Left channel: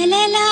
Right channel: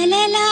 la la la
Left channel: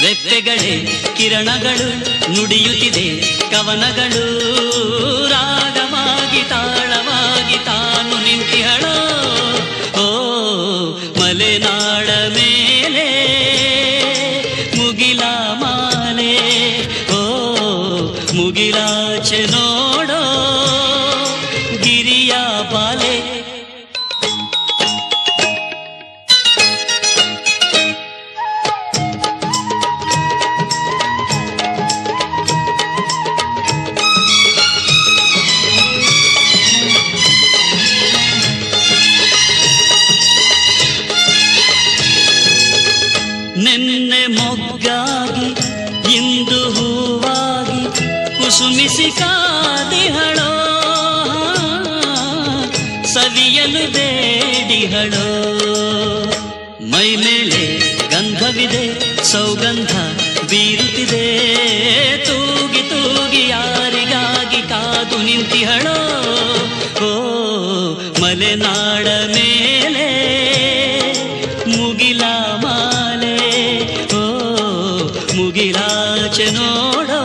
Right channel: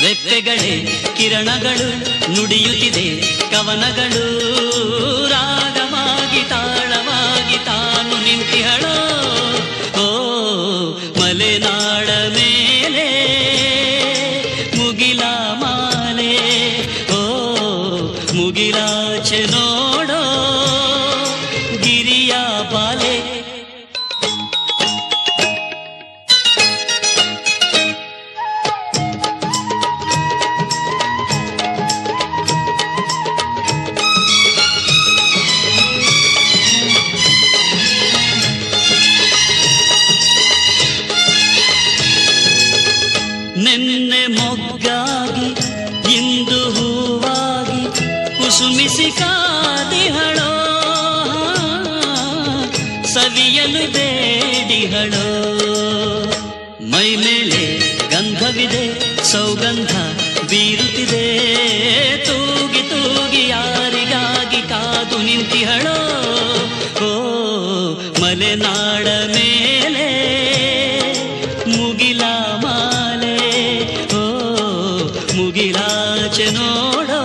ರೆಪ್ಪೆಗಳೇ ಕಿರಣಗಳು ನುಡಿಯುತ್ತಿದೆ, ಕವನಗಳು ರಾಗವಾಗಿ ತಾಳವಾಗಿ ತಾನು ನಿಂತಿಹಳೋ. ಓ ಮಲೆನಾಡ ಮೇಲೆ, ಮುಗಿಲ ಮಾಲೆ. ಓ ಮುಗಿಲಾ ನೋ ಬಾಲೆ. ನಿನ್ನೆ ಮೊಗ್ಗಾಗಿ ಇಂದು ಹೂವಾಗಿ ಕುಸುಮಿಸಿ ಕಾದಿಹಳೋ ಸವಿಯಲು ಬೇಡಿಹಳೋ ಮೈ ಮೇಲೆ ಗಂಧವಿದೆ, ಸೌಗಂಧ ಬೀರುತ್ತಿದೆ. ತೂಗಿ ತೂಗಿ ಯಾರಿಗಾಗಿ ಕಾದು ನಿಂತಿಹಳೋ? ಓ ಮಲೆನಾಡ ಮೇಲೆ ಮುಗಿಲ ಮಾಲೆ. ಓ, ಮುಗಿಲಾಚೆ ನೋಡೋ,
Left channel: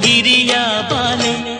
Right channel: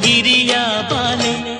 ಗಿರಿಯ ಪಾಲೆ